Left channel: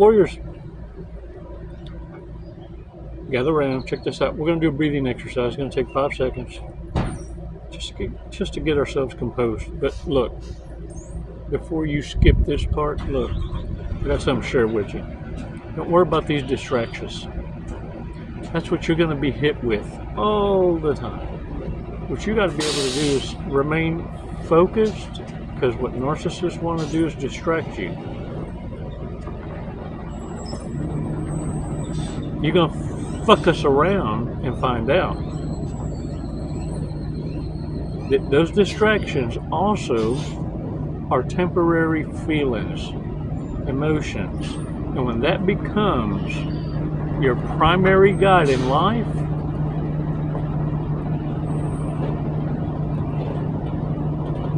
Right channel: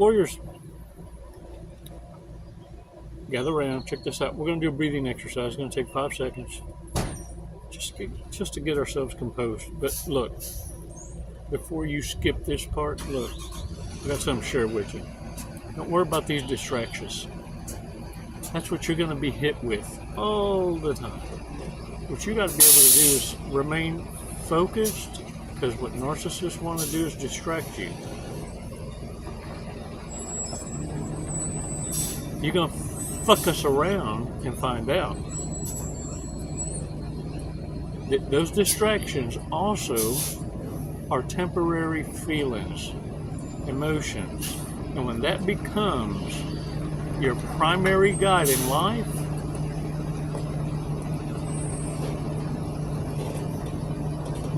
warriors? Gather around. Check this out. We're going to do a breathing exercise. It's going to take 5 seconds. Just to get ourselves composed. But look, before you skip this part, look, I got something to share with you. Don't worry about these distractions. That's what you're going to be hit with all the time. What you got to be able to do is remain focused, because what narcissists want to do is distract you. You're going to fuck us around and find out. Those distractions also are temporary feelings, emotions. And when that becomes your primary guide in life,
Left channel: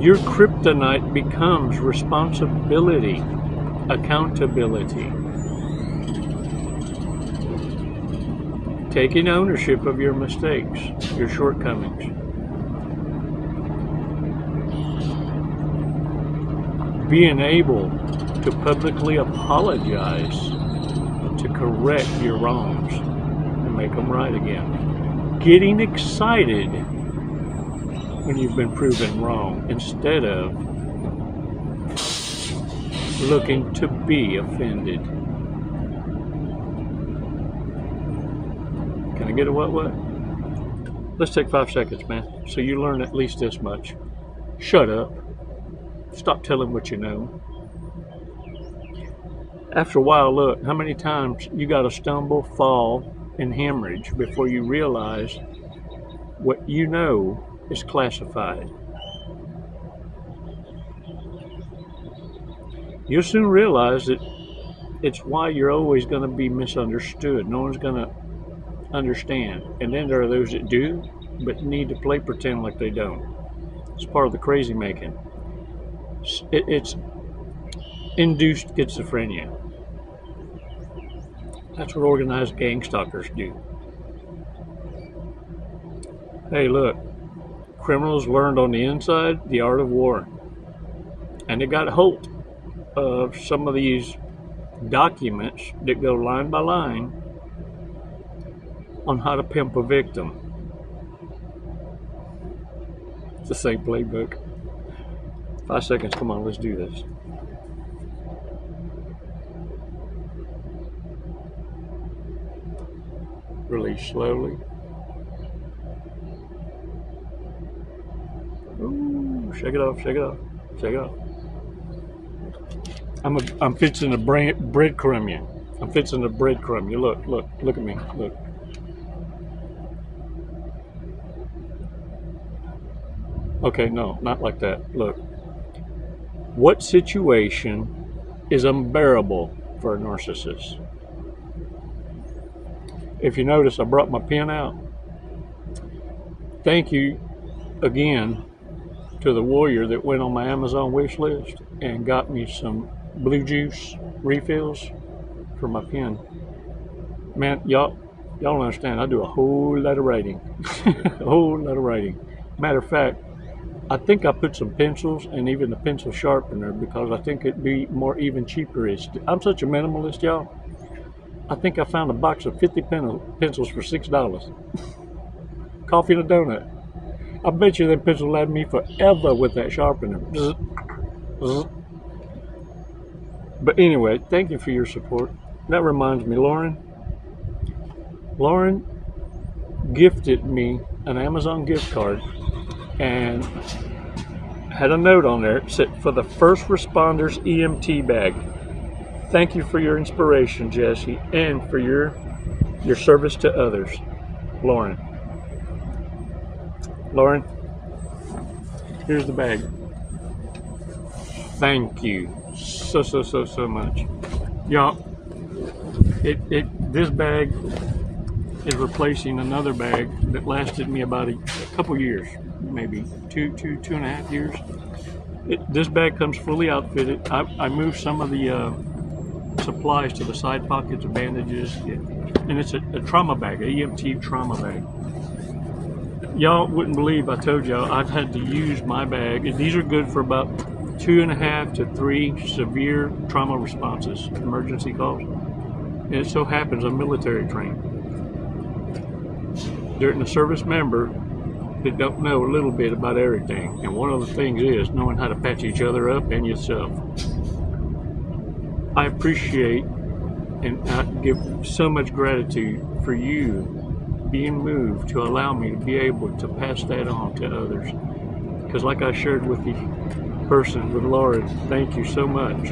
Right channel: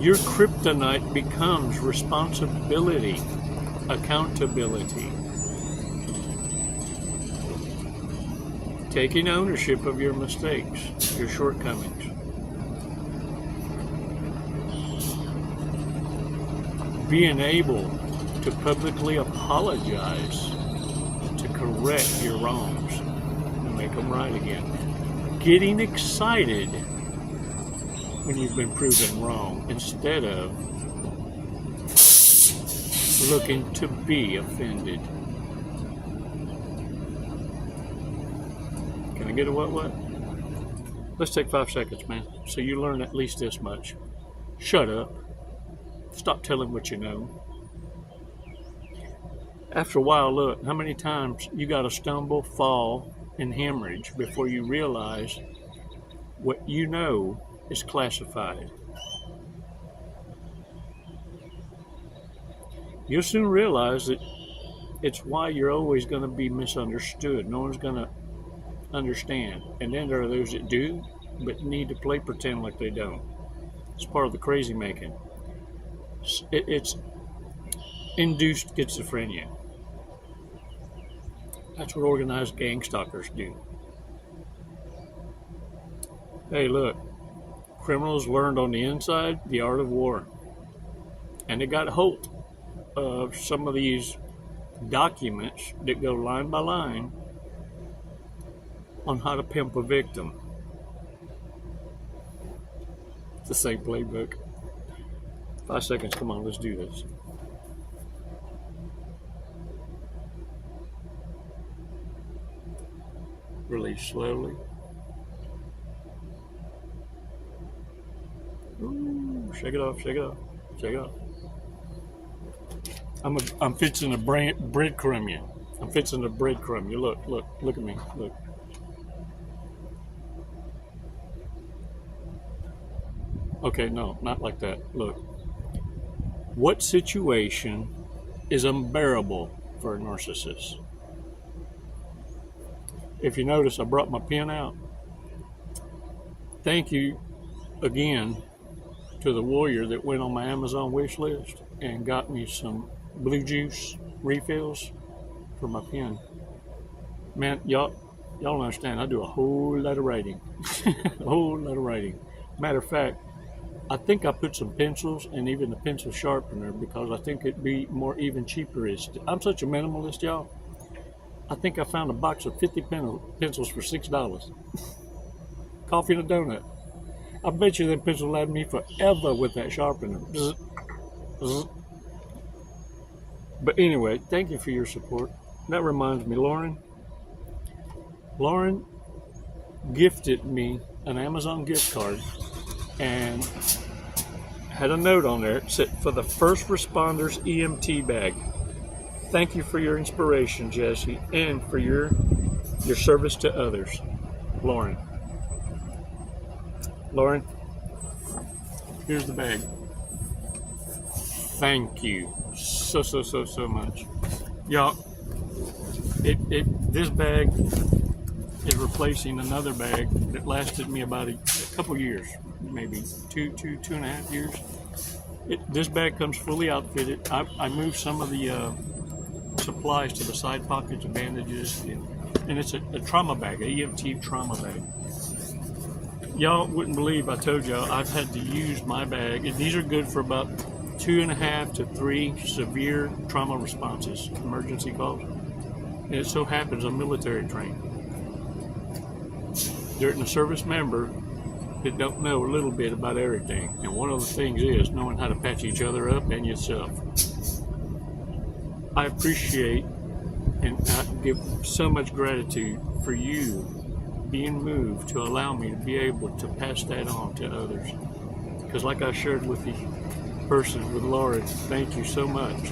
your kryptonite becomes responsibility, accountability. Taking ownership of your mistakes, your shortcomings. Being able to publicly apologize to correct your wrongs and make them right again. Getting excited when you've been proven wrong instead of looking to be offended. Can I get a what? Let's take 5 seconds, man, so you learn at least this much. Shut up. Stop telling what you know. After a while, look, how many times you got to stumble, fall, and hemorrhage before you realize what you know is classified. You'll soon realize that it's why you're always going to be misunderstood. No one's going to understand. And then there are those that do, but need to play pretend like they don't. It's part of the crazy making. It's induced schizophrenia. That's what organized gang stalkers do. Hey, look, criminals learned on the inside the art of war. And they got hold of some of these documents that go line by line on how to pimp a victim. It's the same playbook. 5 seconds, come on, let's do this. Release slowly. Ooh, shake it off, shake it off, shake it off. I'm fixing to breadcrumb you. I'm fixing to breadcrumb you. Look at me, look. Okay, no, not like that. Look. What situation is unbearable for a narcissist? If you notice, I brought my pen out. Thank you again to the warrior that went on my Amazon wish list and got me some blue juice refills for my pen. Man, y'all don't understand. I do a whole lot of writing. A whole lot of writing. Matter of fact, I think I put some pencils and even a pencil sharpener because I think it'd be more even cheaper. I'm such a minimalist, y'all. I think I found a box of 50 pencils for $6. Coffee and a donut. I bet you that pencil last me forever with that sharpener. But anyway, thank you for your support. That reminds me, Lauren gifted me an Amazon gift card and had a note on there that said, for the first responders EMT bag. Thank you for your inspiration, Jesse, and for your service to others. Lauren, here's the bag. Thank you so much. Y'all, this bag is replacing another bag that lasted me about a couple years, maybe two and a half years. This bag comes fully outfitted. I moved some of the supplies to the side pockets of bandages, and it's a trauma bag, an EMT trauma bag. Y'all wouldn't believe I told y'all I've had to use my bag. These are good for about 2.5 to 3 severe trauma responses, emergency calls. And it so happens I'm military trained. They're a service member that don't know a little bit about everything. And one of the things is knowing how to patch each other up and yourself. I appreciate and I give so much gratitude for you being moved to allow me to be able to pass that on to others. Because like I shared with the person, with Laura, thank you so much.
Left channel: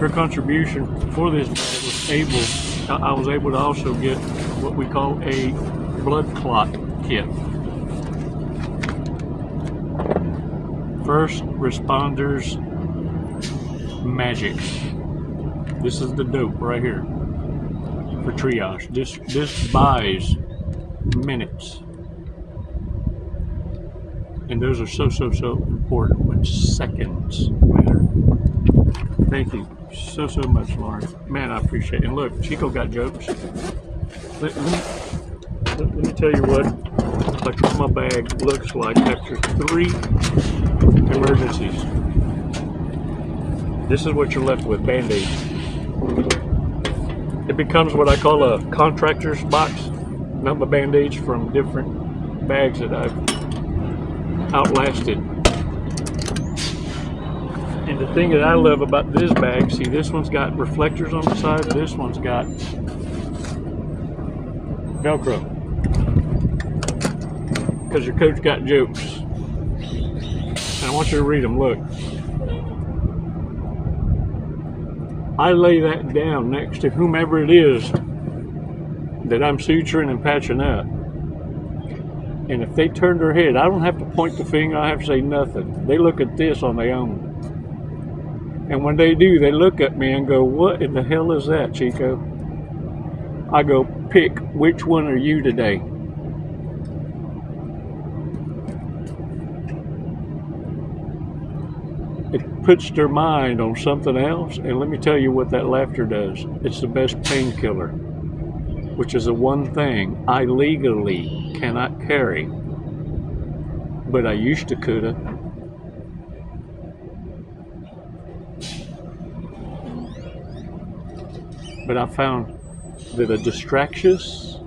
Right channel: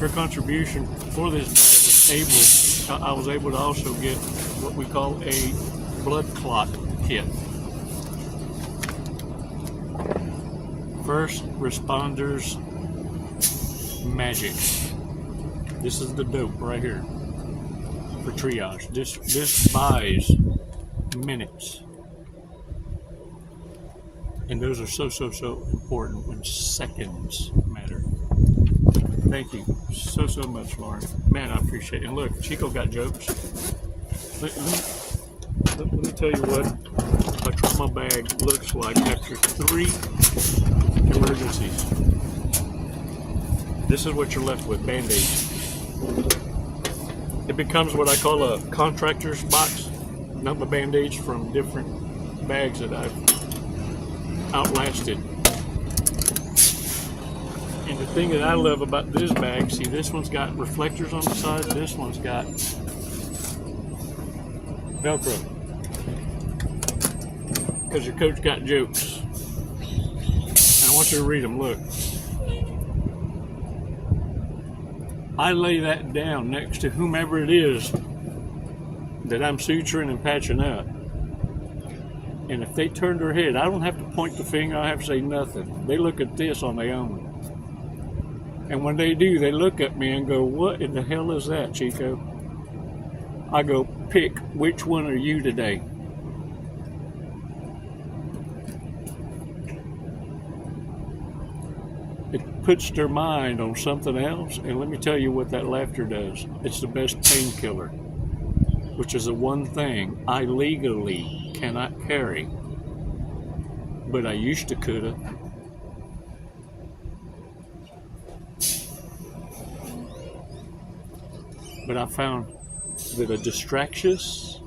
Her contribution for this I was able to also get what we call a blood clot kit. First responders magic. This is the dope right here for triage. This buys minutes. And those are so important when seconds matter. Thank you so much, Lauren. Man, I appreciate it. And look, Chico got jokes. Let me tell you what a trauma bag looks like after 3 emergencies. This is what you're left with, Band-Aids. It becomes what I call a contractor's box. Number Band-Aids from different bags that I've outlasted. And the thing that I love about this bag, see, this one's got reflectors on the side, this one's got Velcro. Because your coach got jokes. And I want you to read them, look. I lay that down next to whomever it is that I'm suturing and patching up. And if they turn their head, I don't have to point the finger, I have to say nothing. They look at this on their own. And when they do, they look at me and go, what in the hell is that, Chico? I go, pick, which one are you today? It puts their mind on something else, and let me tell you what that laughter does. It's the best painkiller, which is the one thing I legally cannot carry, but I used to coulda. But I found that a distractious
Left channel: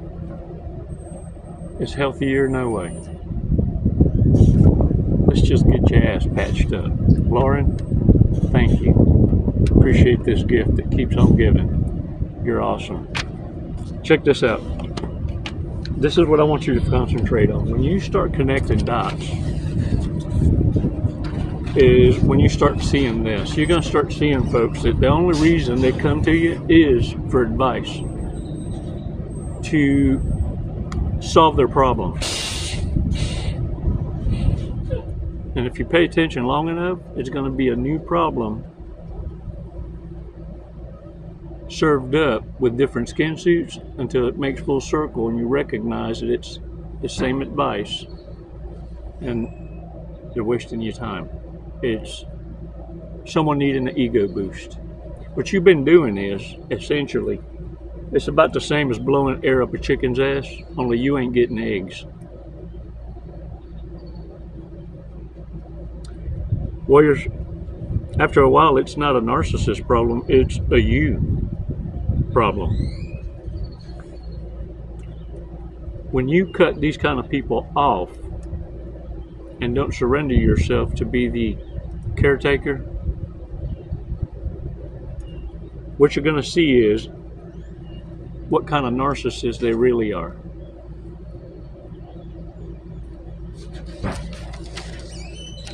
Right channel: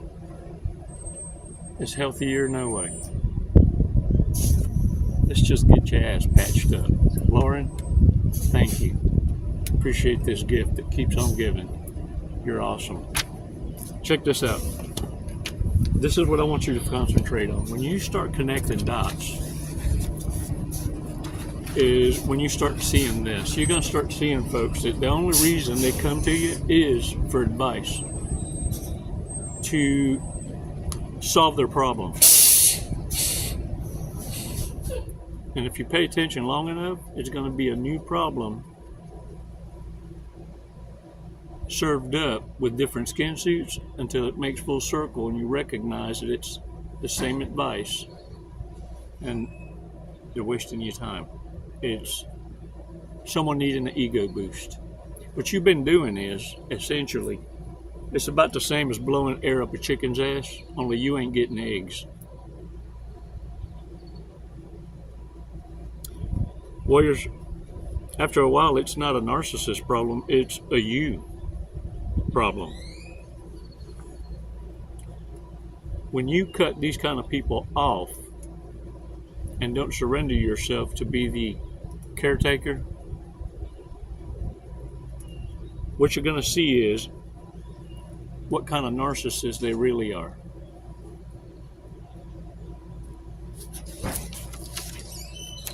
is healthier no way. Let's just get your ass patched up. Lauren, thank you. Appreciate this gift that keeps on giving. You're awesome. Check this out. This is what I want you to concentrate on. When you start connecting dots, is when you start seeing this. You're going to start seeing folks that the only reason they come to you is for advice to solve their problems. And if you pay attention long enough, it's going to be a new problem served up with different skin suits until it makes full circle and you recognize that it's the same advice and they're wasting your time. It's someone needing an ego boost. What you've been doing is, essentially, it's about the same as blowing air up a chicken's ass, only you ain't getting eggs. Warriors, after a while, it's not a narcissist problem, it's a you problem. When you cut these kind of people off and don't surrender yourself to be the caretaker, what you're going to see is what kind of narcissist they really are.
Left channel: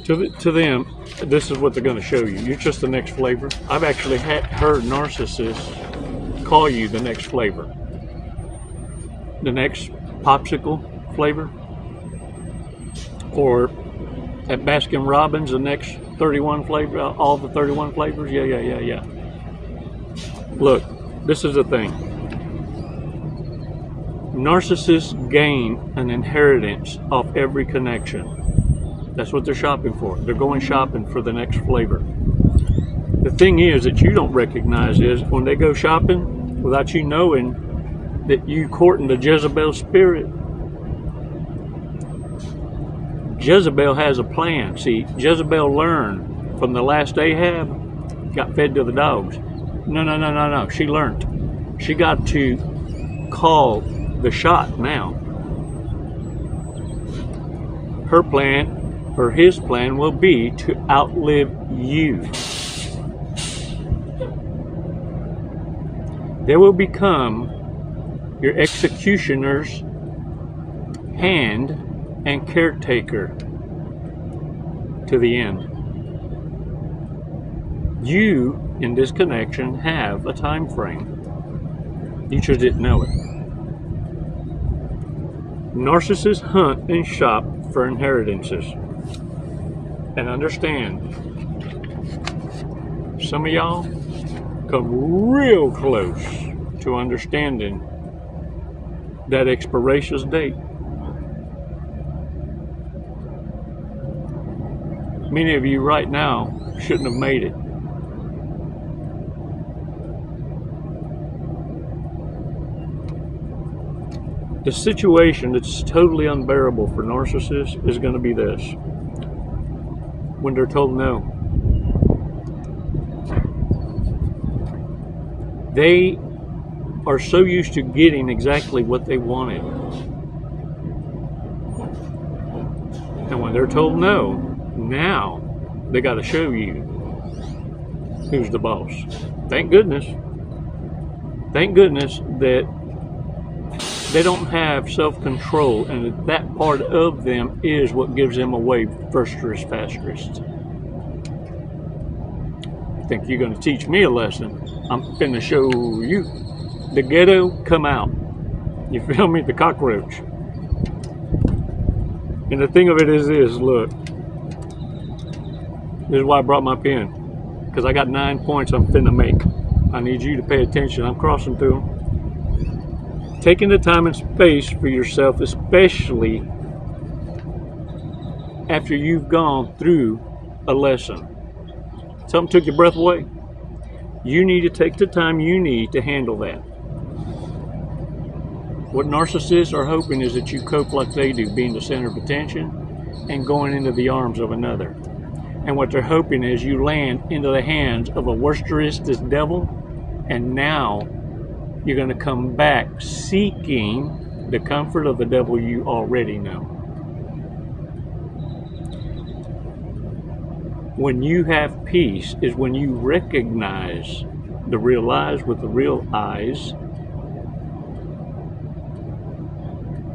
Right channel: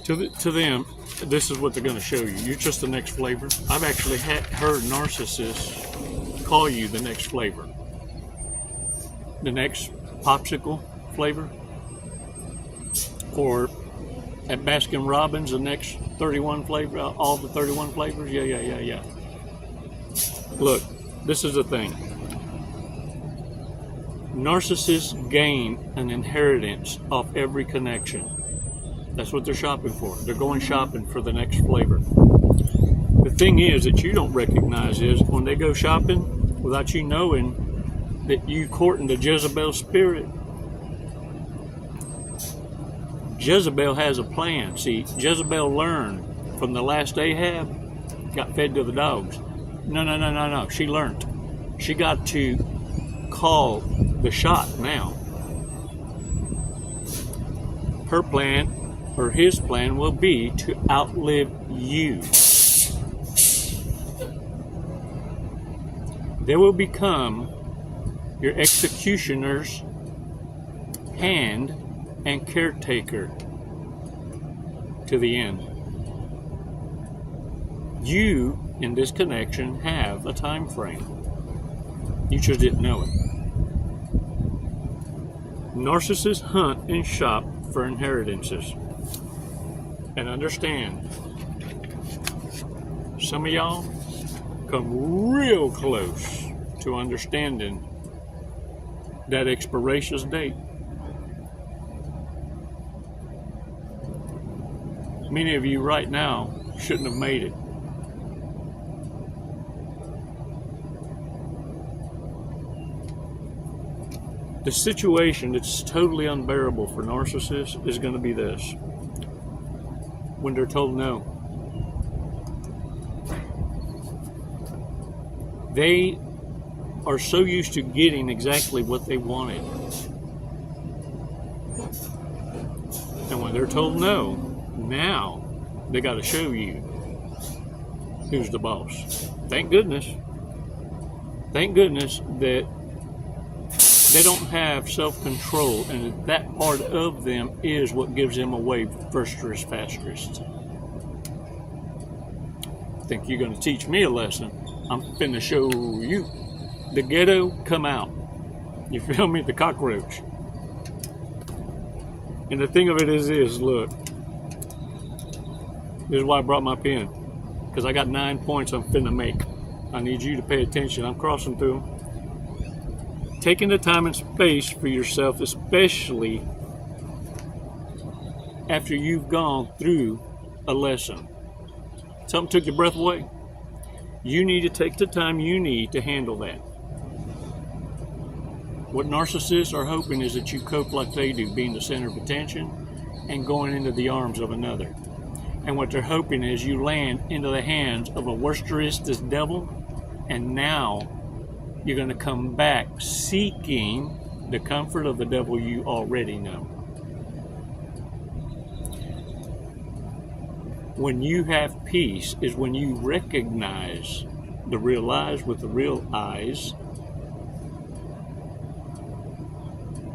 To them, this is what they're going to show you. You're just the next flavor. I've actually heard narcissists call you the next flavor. The next popsicle flavor. Or at Baskin Robbins, the next 31 flavor, all the 31 flavors. Yeah. Look, this is the thing. Narcissists gain an inheritance off every connection. That's what they're shopping for. They're going shopping for the next flavor. The thing is that you don't recognize is when they go shopping without you knowing that you courting the Jezebel spirit. Jezebel has a plan. See, Jezebel learned from the last Ahab got fed to the dogs. No. She learned. She got to call the shot now. Her plan, or his plan, will be to outlive you. They will become your executioner's hand and caretaker to the end. You, in this connection, have a time frame. You just didn't know it. Narcissists hunt and shop for inheritances. And understand, some of y'all come real close to understanding that expiration date. Many of you right now shouldn't have made it. The situation that's totally unbearable for narcissists is going to be this. When they're told no. They are so used to getting exactly what they wanted. And when they're told no, now they got to show you who's the boss. Thank goodness. Thank goodness that they don't have self-control, and that part of them is what gives them away first-rist, fast-rist. Think you're going to teach me a lesson? I'm finna show you. The ghetto come out. You feel me? The cockroach. And the thing of it is this, look. This is why I brought my pen. Because I got 9 points I'm finna make. I need you to pay attention. I'm crossing through them. Taking the time and space for yourself, especially after you've gone through a lesson. Something took your breath away. You need to take the time you need to handle that. What narcissists are hoping is that you cope like they do, being the center of attention and going into the arms of another. And what they're hoping is you land into the hands of a worsterist devil, and now you're going to come back seeking the comfort of the devil you already know. When you have peace is when you recognize the real eyes with the real eyes,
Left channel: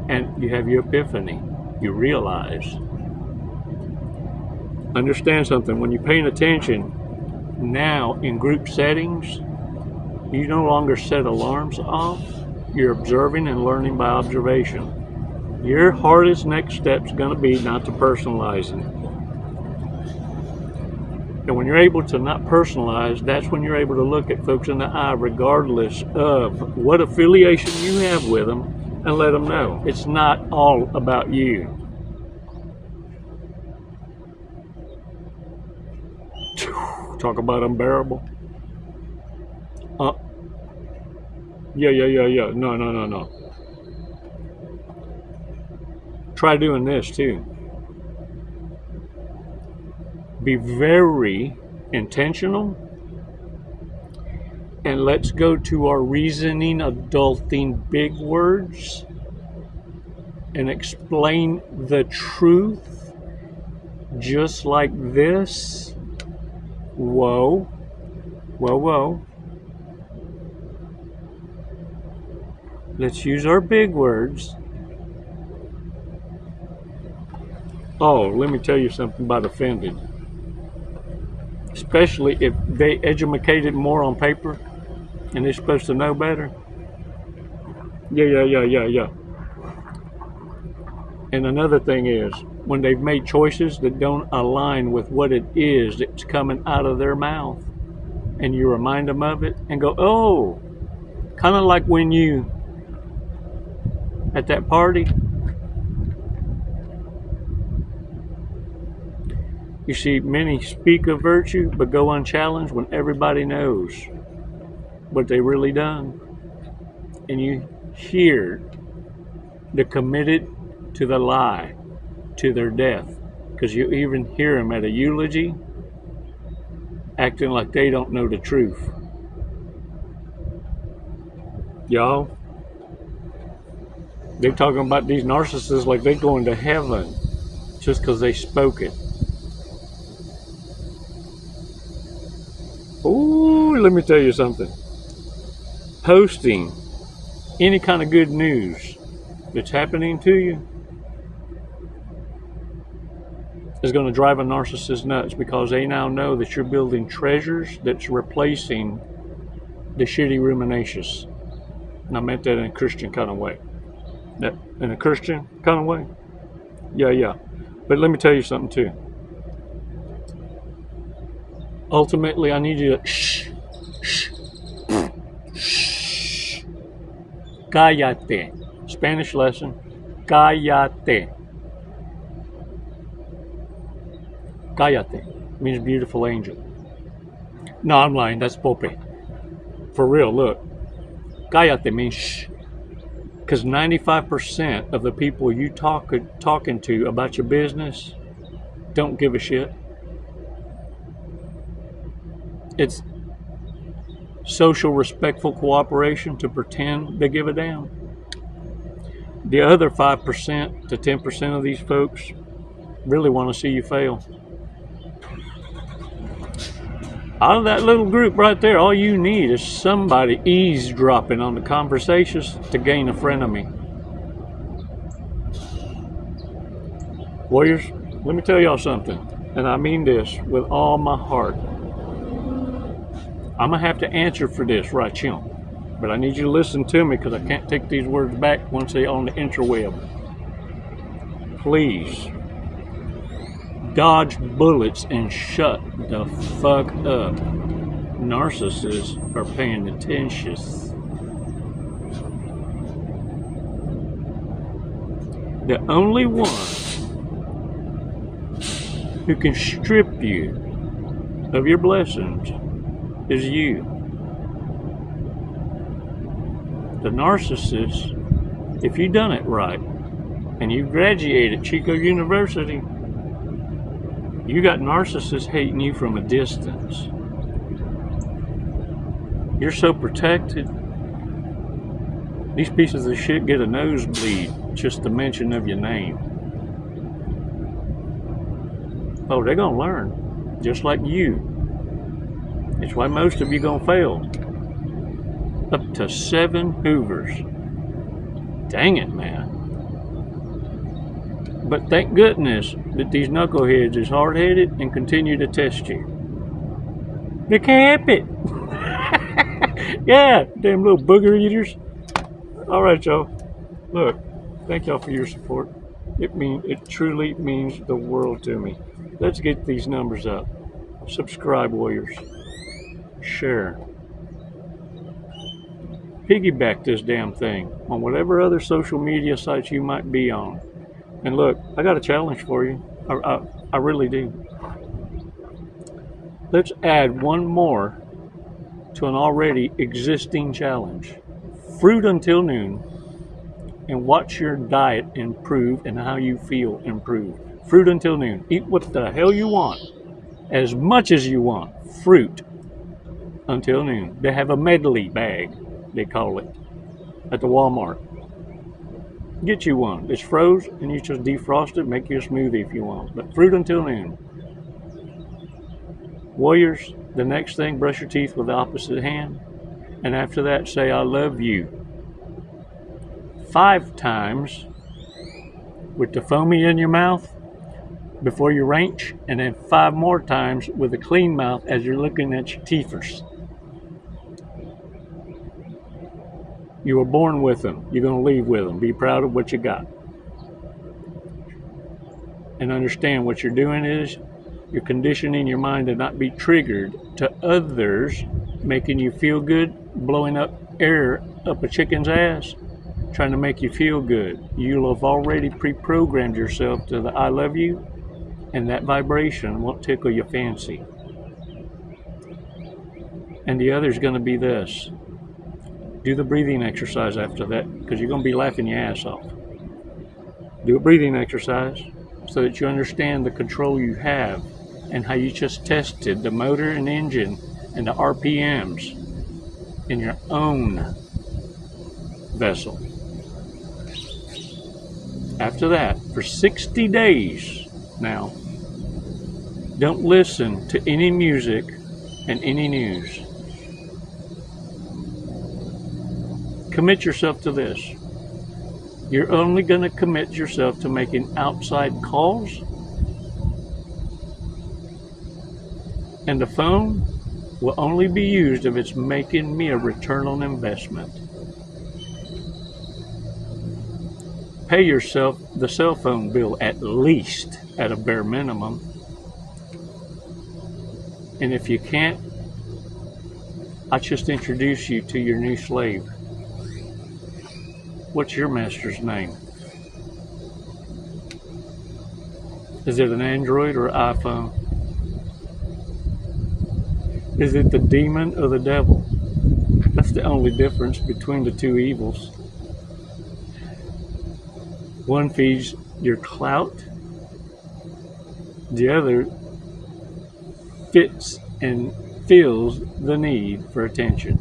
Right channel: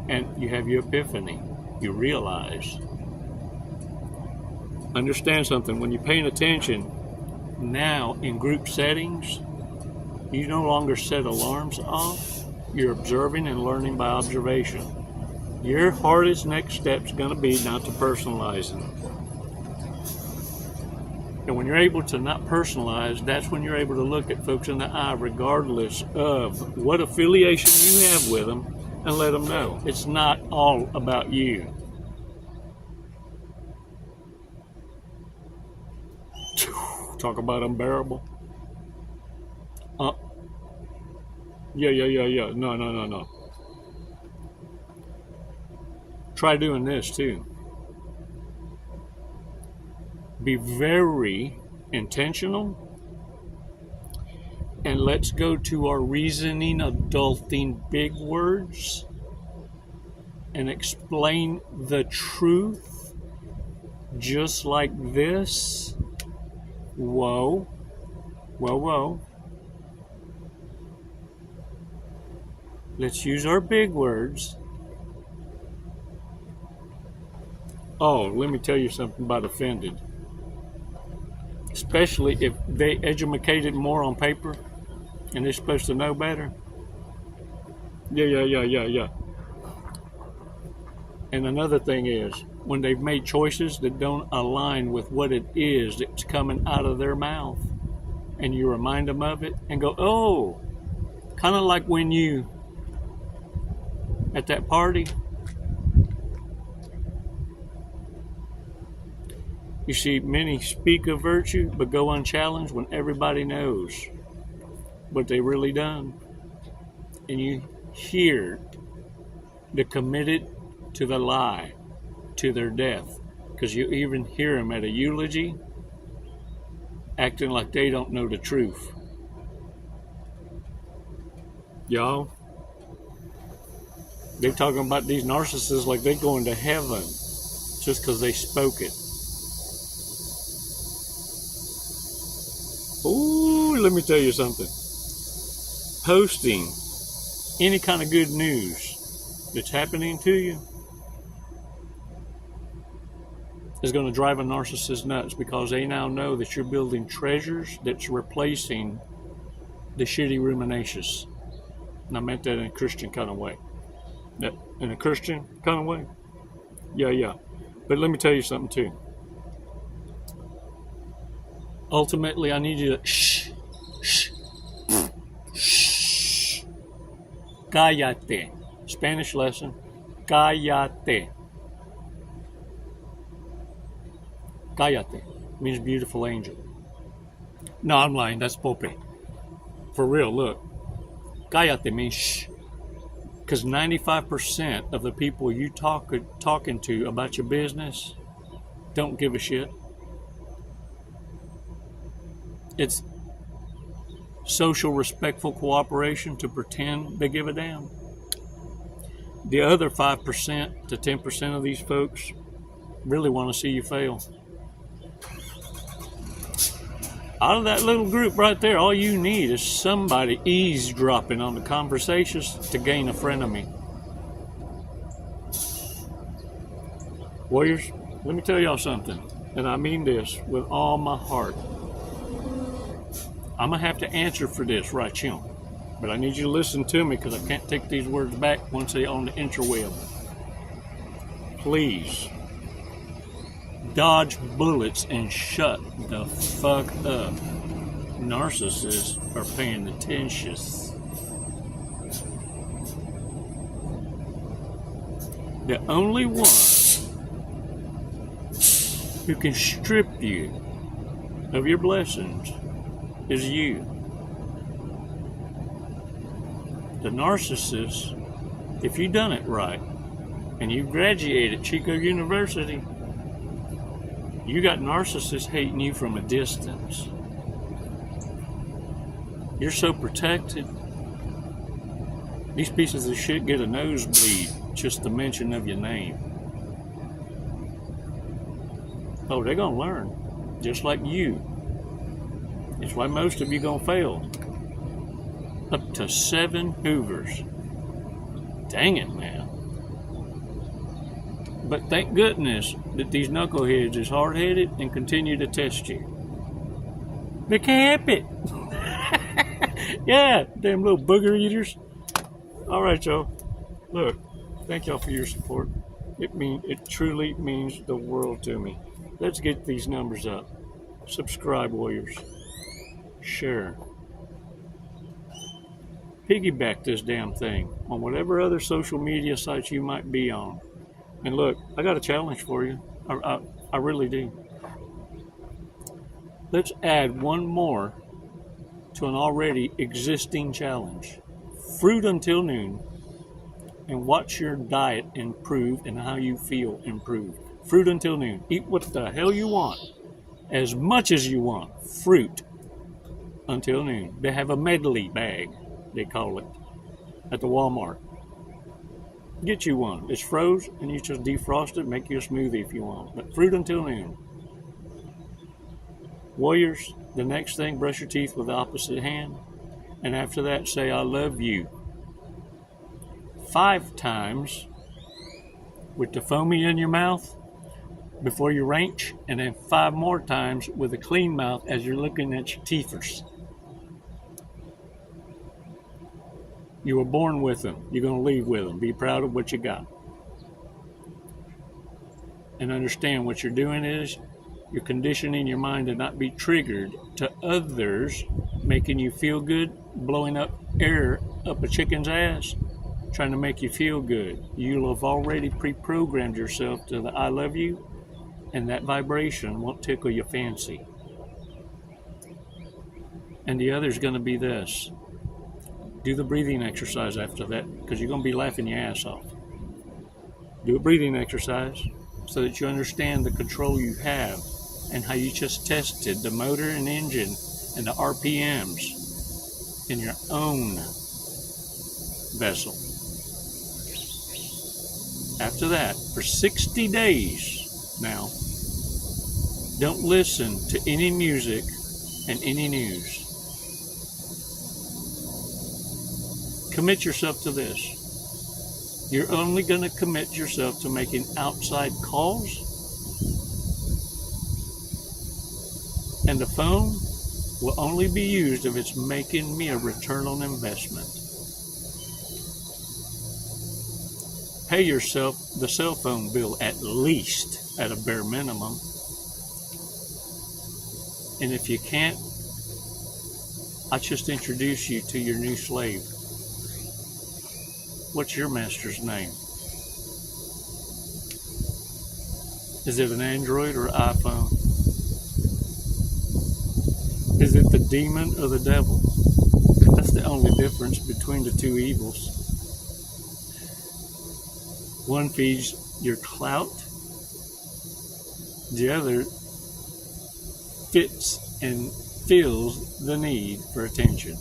and you have your epiphany. You realize. Understand something. When you're paying attention, now in group settings, you no longer set alarms off. You're observing and learning by observation. Your hardest next step is going to be not to personalizing. And when you're able to not personalize, that's when you're able to look at folks in the eye regardless of what affiliation you have with them, and let them know it's not all about you. Talk about unbearable. Yeah. No. Try doing this too. Be very intentional, and let's go to our reasoning, adulting big words and explain the truth just like this. Whoa. Let's use our big words. Oh, let me tell you something about offended. Especially if they educated more on paper and they're supposed to know better. Yeah. And another thing is, when they've made choices that don't align with what it is that's coming out of their mouth, and you remind them of it and go, oh, kind of like when you, at that party, you see many speak of virtue but go unchallenged when everybody knows what they really done. And you hear the committed to the lie, to their death, because you even hear them at a eulogy acting like they don't know the truth. Y'all, they're talking about these narcissists like they're going to heaven just because they spoke it. Ooh, let me tell you something. Posting any kind of good news that's happening to you is going to drive a narcissist nuts, because they now know that you're building treasures that's replacing the shitty ruminations. And I meant that in a Christian kind of way. In a Christian kind of way? Yeah. But let me tell you something too. Ultimately, I need you to shh. Cállate. Spanish lesson. Cállate. Cállate means beautiful angel. No, I'm lying. That's Pope. For real, look. Cállate means shh. Because 95% of the people you talking to about your business don't give a shit. It's social respectful cooperation to pretend they give a damn. The other 5% to 10% of these folks really want to see you fail. Out of that little group right there, all you need is somebody eavesdropping on the conversations to gain a frenemy. Warriors, let me tell y'all something, and I mean this with all my heart. I'm going to have to answer for this right here, but I need you to listen to me, because I can't take these words back once they're on the interweb. Please dodge bullets and shut the fuck up. Narcissists are paying attention. The only one who can strip you of your blessings is you. The narcissist, if you done it right and you graduated Chico University, you got narcissists hating you from a distance. You're so protected. These pieces of shit get a nosebleed just the mention of your name. Oh, they're gonna learn, just like you. It's why most of you gonna fail. Up to 7 Hoovers. Dang it, man. But thank goodness that these knuckleheads is hard-headed and continue to test you. They can't help it. Yeah, damn little booger eaters. All right, y'all. Look, thank y'all for your support. It truly means the world to me. Let's get these numbers up. Subscribe, warriors. Share. Piggyback this damn thing on whatever other social media sites you might be on. And look, I got a challenge for you. I really do. Let's add one more to an already existing challenge. Fruit until noon, and watch your diet improve and how you feel improve. Fruit until noon. Eat what the hell you want, as much as you want. Fruit until noon. They have a medley bag, they call it, at the Walmart. Get you one. It's froze, and you just defrost it, make you a smoothie if you want. But fruit until noon. Warriors, the next thing, brush your teeth with the opposite hand. And after that, say, I love you. 5 times with the foamy in your mouth before you wrench, and then 5 more times with a clean mouth as you're looking at your teethers. You were born with them. You're going to leave with them. Be proud of what you got. And understand what you're doing is you're conditioning your mind to not be triggered to others making you feel good, blowing up air up a chicken's ass, trying to make you feel good. You'll have already pre-programmed yourself to the I love you, and that vibration won't tickle your fancy. And the other's going to be this. Do the breathing exercise after that, because you're going to be laughing your ass off. Do a breathing exercise so that you understand the control you have and how you just tested the motor and engine and the RPMs in your own vessel. After that, for 60 days now, don't listen to any music and any news. Commit yourself to this. You're only going to commit yourself to making outside calls, and the phone will only be used if it's making me a return on investment. Pay yourself the cell phone bill at least at a bare minimum. And if you can't, I just introduce you to your new slave. What's your master's name? Is it an Android or iPhone? Is it the demon or the devil? That's the only difference between the two evils. One feeds your clout, the other fits and feels the need for attention.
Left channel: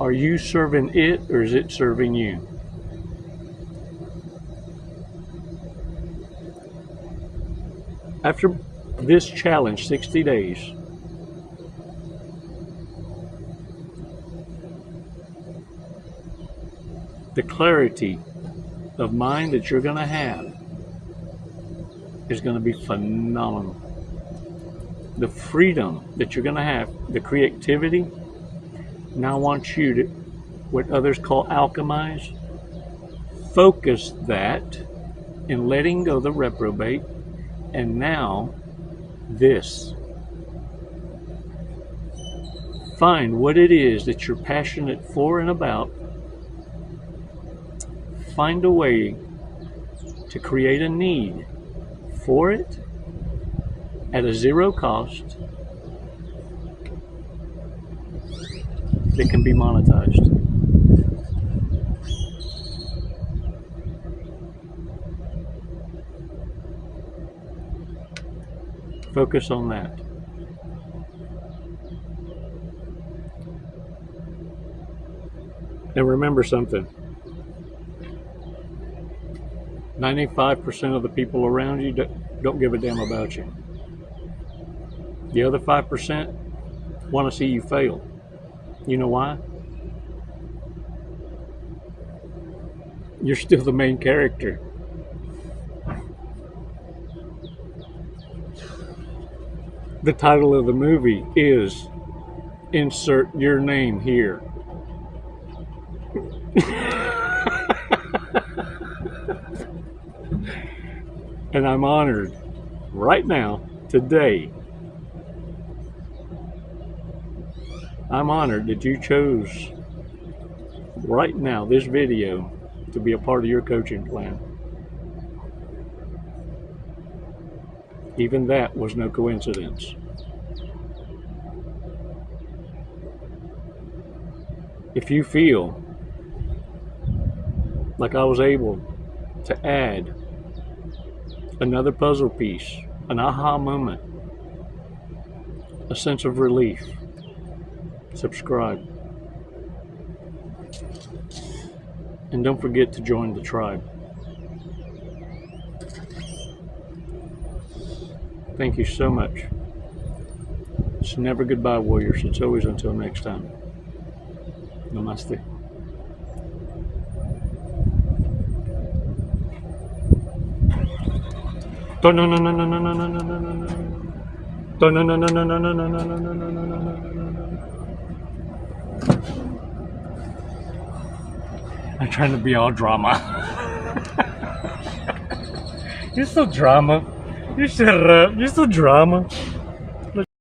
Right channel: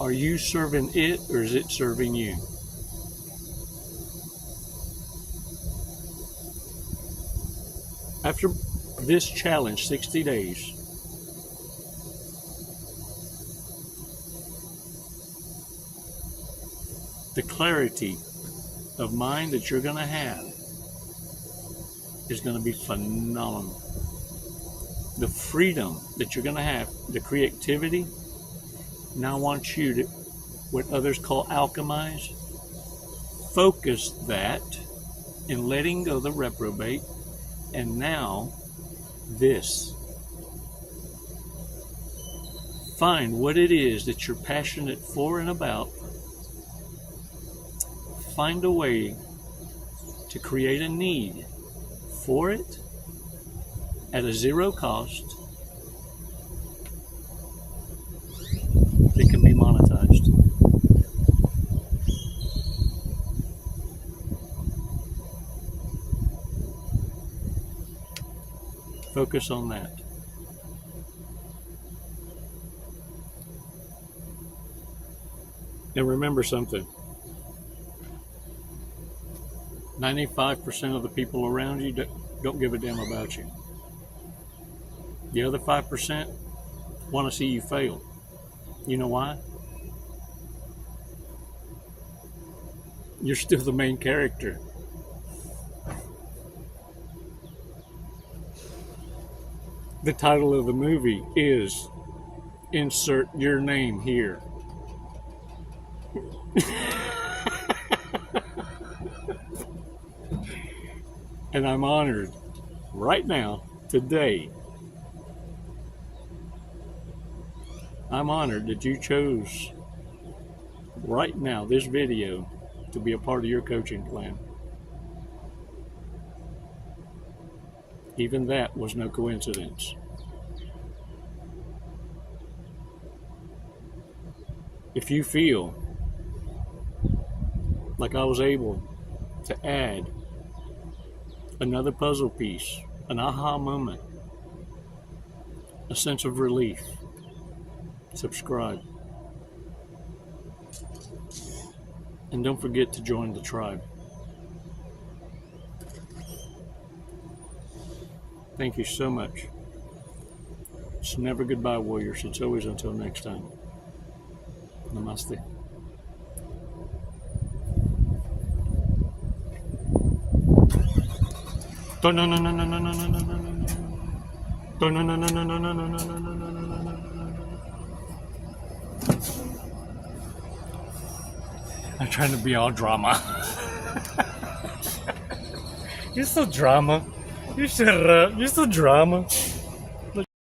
Are you serving it, or is it serving you? After this challenge, 60 days, the clarity of mind that you're going to have is going to be phenomenal. The freedom that you're going to have, the creativity. Now I want you to, what others call alchemize, focus that in letting go the reprobate, and now this. Find what it is that you're passionate for and about. Find a way to create a need for it at a zero cost that can be monetized. Focus on that. And remember something. 95% of the people around you don't give a damn about you. The other 5% want to see you fail. You know why? You're still the main character. The title of the movie is insert your name here. And I'm honored right now, today, I'm honored that you chose right now this video to be a part of your coaching plan. Even that was no coincidence. If you feel like I was able to add another puzzle piece, an aha moment, a sense of relief, subscribe. And don't forget to join the tribe. Thank you so much. It's never goodbye, warriors. It's always until next time. Namaste. I'm trying to be all drama. You're so drama. You shut up. You're so drama.